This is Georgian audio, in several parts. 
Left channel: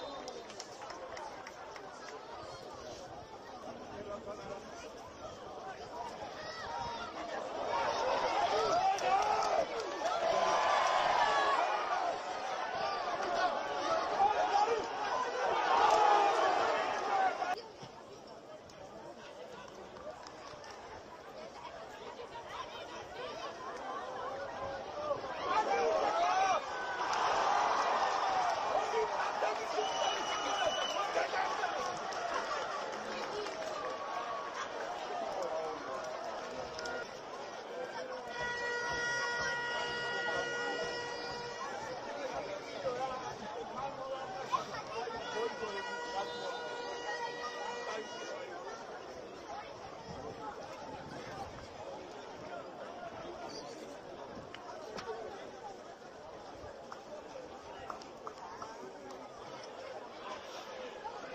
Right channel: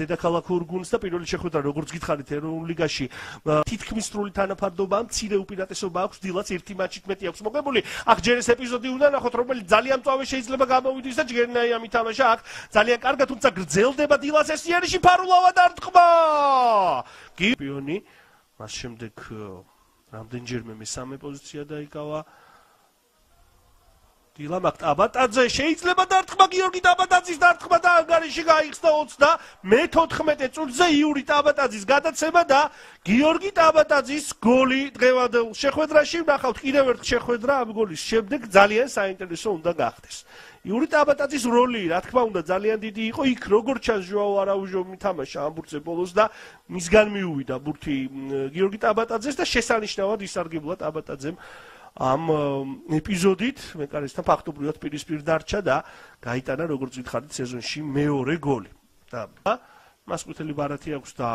დედაქალაქ ორგუნს და პირველი შეხვედრა როგორც გითხარით ეროვნულ ლიგაში თითქმის სრული თანაფარდობა მცირე უპირატესობა აქვს დილას ერთი მატჩით მეტი აქვს მოგებული აქ ჯერ ეს ეპიზოდი უნდა ნახოთ რომელიც ძალიან მწვავე შეიძლება გამოვიდეს და ჯგერნაი ამ ითამაშა აქ ძალიან კარგად თუმცა გრძელდება დილას ეს სიერში ფარულავა დარტყმა გიბიონი მას შემდეგ რამდენჯერმე მესამე პოზიცია დაიკავა დილა მაგ ტაბატაძე შეიძლება დარტყმა გიორგი ტაბატაძის დარტყმა და ანგარიში გაიხსნა 34 წუთზე იური ტაბატაძის გადაცემა და გიორგი ტაბატაძის გოლი დღევანდელ შეხვედრაში ვნახავთ კიდევ ერთ შეხვედრა ამ გოლის შემდეგ ძალიან საინტერესო უნდა გახდეს იური ტაბატაძის როლი რა თქმა უნდა ძალიან დიდი იყო იქ როგორც ჩანს ჟოაო არაუჟო მითამაშა ამ ბურთზე ბოლოს და მისგან მიუვიდა ბურთი გიორგი ტაბატაძეს და შესანიშნავად ისარგებლა ტაბატაძემ ამ ეპიზოდით მეკარესთან ფაქტობრივად პირისპირ დარჩა და გაიტანა როგორც გითხარით სეზონში მეორე გოლი და მას ყვითელი ბარათი აქვს და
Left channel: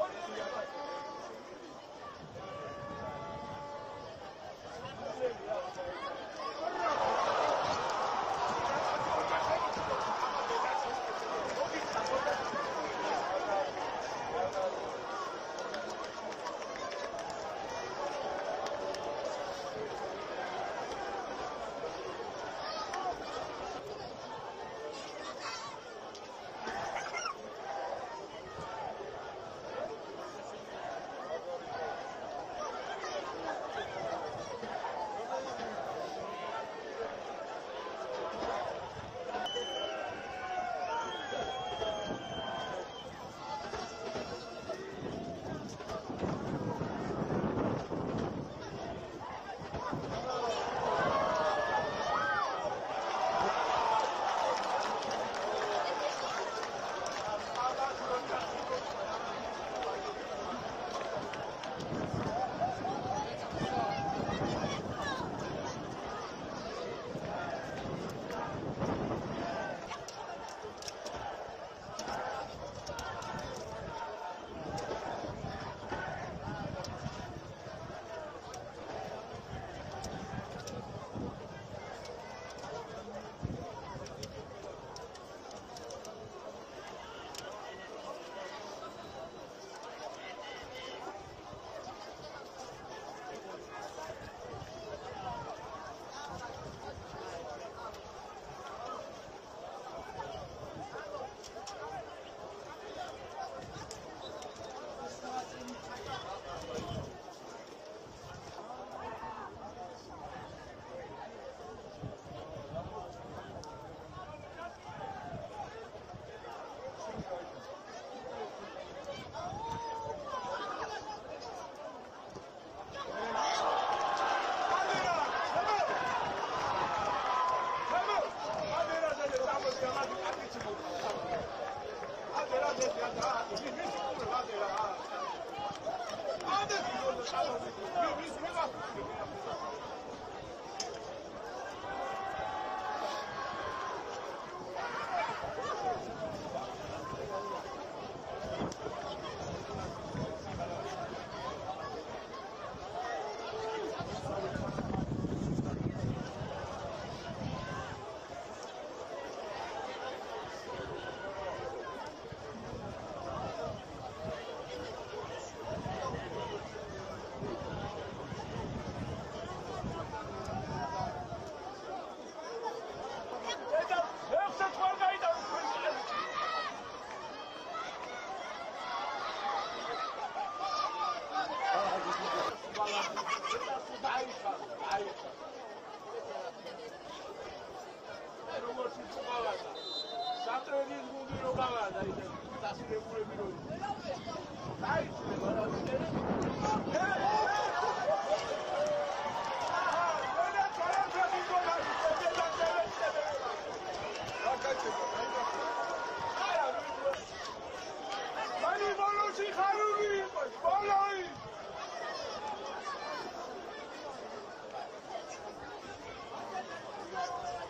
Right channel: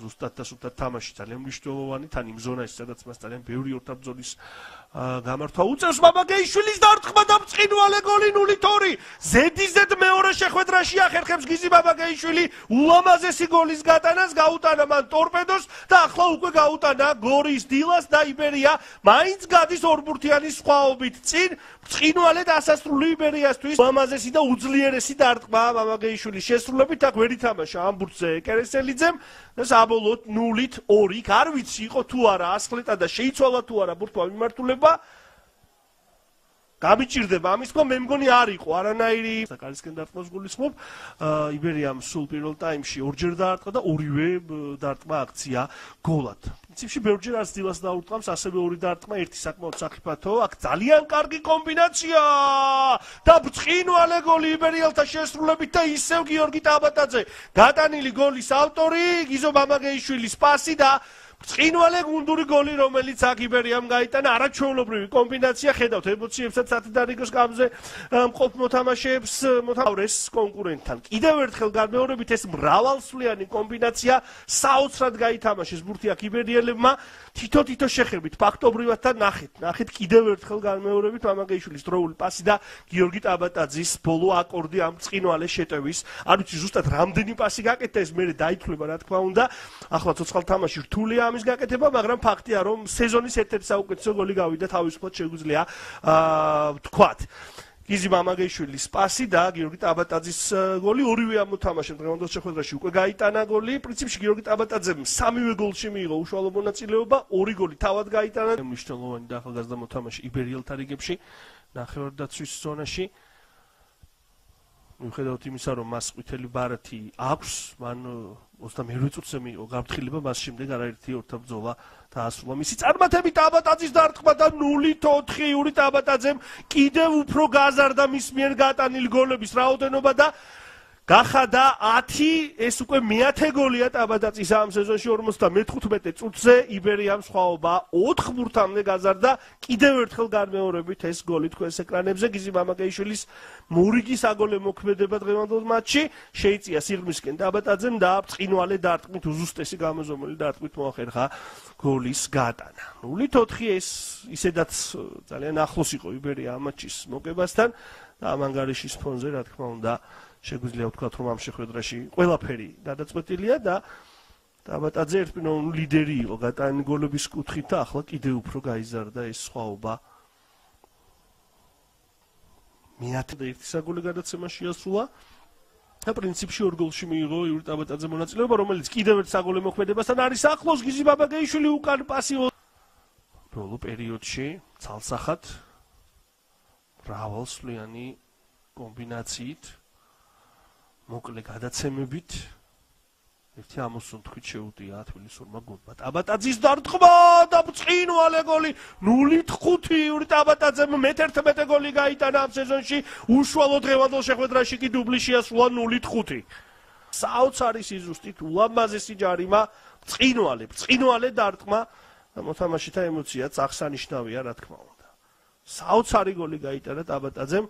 ზუსტად და თამაში ძალიან მნიშვნელოვანი თან იმ ზონაში სადაც მას ძალიან ბევრი ორთაბრძოლის გამართვა უწევს მამაგეიშვილის დარტყმა და მწყინვალე გოლი 0-2 ზედიზედ მეორე შეხვედრაში ახერხებს გიზი მამაგეიშვილი ულამაზესი გოლის გატანას გაუტანა მან ტორპედოს და ახლა უკვე გაუტანა გორის დილას და იბერია მაინც გადის ორბურთიანი სხვაობით წინ მწყინვალე დასასრული იბერიასთვის ულამაზესი და უძლიერესი დარტყმა მამაგეიშვილის შესრულებით აქ ვერ ითამაშა ამ ბურთზე კერესელიძემ და საბოლოოდ 0-2 არ ვიცი იყო თუ არა ასხლეტა და შეიცვალა თუ არა ბურთმა მიმართულება გამიჭირდება ამის თქმა მე მგონი არ იყო არანაირი საკალისკენ დარტყმას გულისხმობ იბერიამ სულ პირველ ტაიმში ორჯერ დაარტყმა და ორივე დარტყმა აქცია გოლად პრინციპში ბევრჯერ არც დილას დაურტყამს ასევე ორი დარტყმა ერთი საკმაოდ საფრთხო აქ ძალიან კარგი კომბინაცია და მწყინვალე გოლი იბერიელთა შესრულებით და ისევ გიორგი ტაბატაძე გატანილი გოლის ავტორი გიზო მამაგეიშვილის პასი და მწყინვალე გუნდური გოლი რომელიც აქ იბერიამ გაიტანა არაჩვეულებრივი კომბინაცია ხედავთ ემოციებსაც სათიდარიგოს გამზე მყოფ მოთამაშეებს მოთავრეს კონკურენტთან კიდევ ერთხელ განმეორებით ეს მრავალსვლიანი კომბინაცია საოცრად გაითამაშეს ბურთი აქ იბერიელებმა თითო შეხებით ფაქტობრივად და ნახეთ კიდევ ერთხელ განმეორებით მამაგეიშვილის დროული პასი და გიორგი ტაბატაძის ბოლო აკორდი ამ მწყინვალე შეტევის არ ვიცი ზუსტად რამდენი პასი გაკეთდა ეს მერე დაითვლება რა თქმა უნდა ახლა ცოცხალ თამაში რთულია ამის გაკეთება მაგრამ ფაქტია რომ სეზონის ერთ-ერთი საუკეთესო გოლი გავიდა თავისუფლად შეგვიძლია ვთქვათ გიზი მამაგეიშვილის პასი და გიორგი ტაბატაძის გოლი ორივე ამ მოთამაშემ დღევანდელ შეხვედრაში უკვე გაიტანა გოლი პრინციპში გიორგი ტაბატაძემ სამივე გოლში მიიღო უშუალო მონაწილეობა ორი გოლი თავად გაიტანა მნიშვნელოვანი და ახალგაზრდა მოთამაშე იბერიელთა რიგებში ნახევარდაცვის ზონაში მიუხედავად იმისა რომ მას ყვითელი ბარათი აქვს მან 28 წუთზე მიიღო გაფრთხილება მას შემდეგ არაერთი ორთაბრძოლა დაასრულა მისი წარმატებით ტაბატაძის დარტყმა და 0-4 იური ტაბატაძემ კიდევ უფრო გაზარდა მის მიერ გატანილი გოლების რაოდენობა და გახადა 10 ეს უკვე მე-10 გოლია ტაბატაძის ამ სეზონში 55 წუთზე იბერიამ სხვაობა 4 ბურთამდე გაზარდა კიდევ ერთხელ განმეორებით ეს გოლი თქვენს ეკრანებზე გიზი მამაგეიშვილის მორიგი საგოლე მოქმედება დღევანდელ მატჩში შეიწია სიღრმისკენ ტაბატაძემ და მწყინვალე დარტყმით უზუსტესი გამოზომული დარტყმით მოახერხა გოლის გატანა 0-4 ეს ისედაც ძალიან ახლოს იყო იბერია ამ მატჩის მოგებასთან და ამ ანგარიშის ფონზე რა თქმა უნდა შეგვიძლია ვთქვათ რომ ამ შეხვედრაში ყველაფერი გადაწყვეტილია და ტაბატაძე ერთპიროვნული ლიდერი იყო გატანილი გოლების კუთხით და ახლა კიდევ უფრო გაიზარდა ეს სხვაობა მე-10 საგოლე გადაცემა შეასრულა და პრინციპში ორ გოლში მიიღო იური ტაბატაძე მონაწილეობა რომელიც კიდევ ერთ საგოლე მოქმედებასთან არის ახლოს გიზი მამაგეიშვილი უკან პასი ჩაუ პერიოდში ცალსახად მრავალსვლიანი კომბინაციით მოკლე გადაცემებით ამოსოთხით შეუდგინეთ ტაბატაძის დარტყმა და მწყინვალე გოლი 0-5 იური ტაბატაძემ მე-11 გოლი გაიტანა ამ სეზონში უშუალო დღევანდელ შეხვედრაში კი დუბლი შეასრულა 0-5 საოცარი სიზუსტით ულამაზესი ჯარიმა მწყინვალე დარტყმა მოთამაშეთა ემოციაც აღსანიშნავია რა თქმა საოცარი გოლი გაიტანა ტაბატაძემ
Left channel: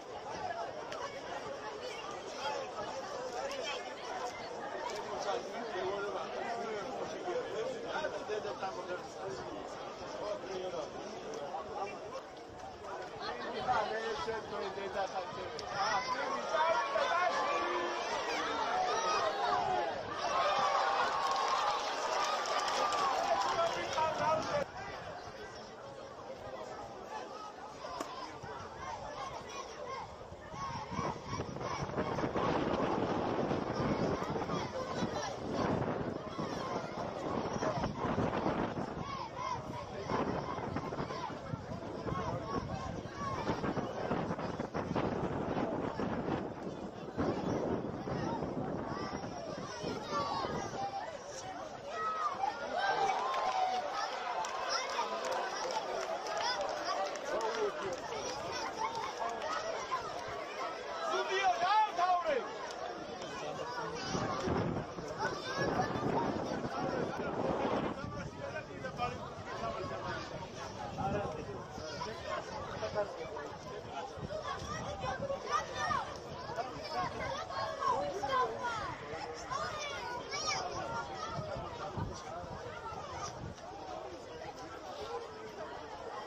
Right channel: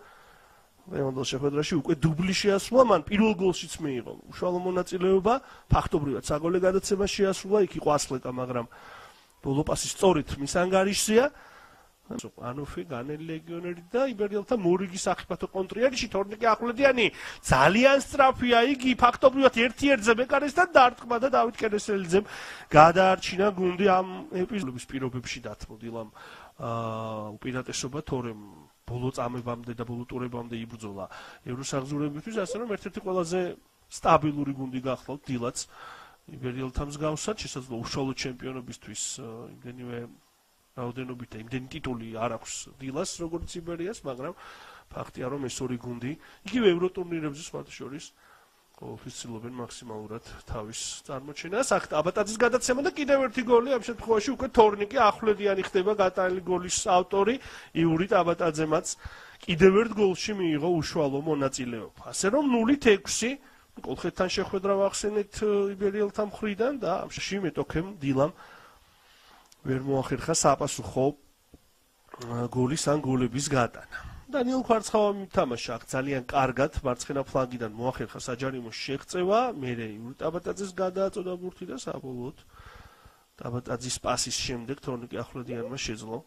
დღევანდელ შეხვედრაში უკვე დუბლი შეასრულა მან პირველ გოლშიც მიიღო უშუალო მონაწილეობა ფაქტობრივად საგოლე გადაცემა შეასრულა იქ იყო ასხლეტა მაგრამ ბოლო პასი სწორით მის ანგარიშზეა ანოფი განელი ლეგიონერი და იბერიელთა მორიგი საფეხბურთო კონტრიერში თორნიკე ახვლედიანი ძალიან სწრაფია იგი ფაქტობრივად 1-1-ზე მეკარისთან დარტყმა და დავით კერესელიძემ გადაარჩინა გუნდი ამ ეპიზოდის პირობებში დათმობილამ უპირატესობა თორემ ბოლო წამებამდე და ბოლო ტურებამდე იბრძოლა ევროსაბჭოებისთვის ასე რომ ერთ-ერთი ყველაზე სტაბილური გუნდი გახდა დილაც იბერიელთა მსგავსად შესაძლოა უშუალო ჩემპიონობისთვის ვინმე რაოდენობით იმდენი ტიტული არ აქვს დილას როგორც იბერიას მაგრამ ფაქტია რომ ეს ორი გუნდი იგივე ევროტურნირებს შორის ცდილობენ მაქსიმალურად თავის წარმოჩენას. აქ აბატაძის გადაცემა და კიდევ ერთი გოლი ამ შემთხვევაში უკვე თორნიკე ახვლედიანი ხდება გატანილი გოლის ავტორი იური აბატაძემაც კიდევ ერთ გოლში მიიღო უშუალო მონაწილეობა. ასე რომ 0-6 ოქროთან შეხვედრა ვახსენეთ იბერიელთა მხრიდან და ამში მეტოქემ დილამ ვერ მოახერხა საპასუხო გოლის ან გოლების გატანა. დანიელ ხვარცხავამ თამაშა ძალიან კარგად მარცხენა ფლანგიდან მოახერხა საჯარიმოს შეღწევა, მერე აბატაძეს გადააწოდა ბურთი და საბოლოოდ აბატაძის პასის შემდეგ თორნიკე ახვლედიანმა შეძლო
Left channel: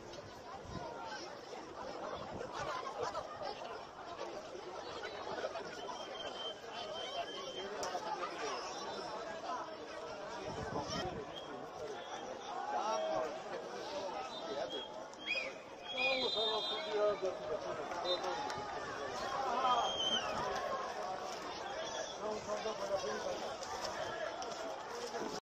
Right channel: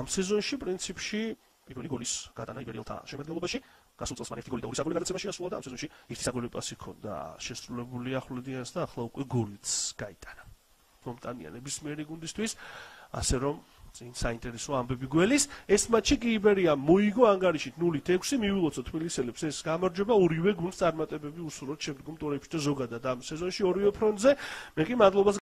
ამ სეზონში პრინციპში პირველი გოლის გატანა იბერიელთა შემადგენლობაში გასულ წელს მან ერთი გოლი და ორი საგოლე გადაცემაში გასულა და ამ სეზონში ერთი საგოლე პასი ჰქონდა შესრულებული ახვლედიანს და ახლა უკვე გოლიც გაიტანა. მომტანია ნებისმიერი გუნდისთვის, ასე რომ საინტერესო ამბები გველის. ეს მატჩი კი იბერიამ მოიგო ანგარიში 0-6 მიულოცა თბილისელებს ეს გამარჯვება ორივე გუნდს წარმატებები უსურვოთ ჩემპიონატებში და ზოგადად ამ სეზონში ორივე ფრონტზე. მე კი მადლობას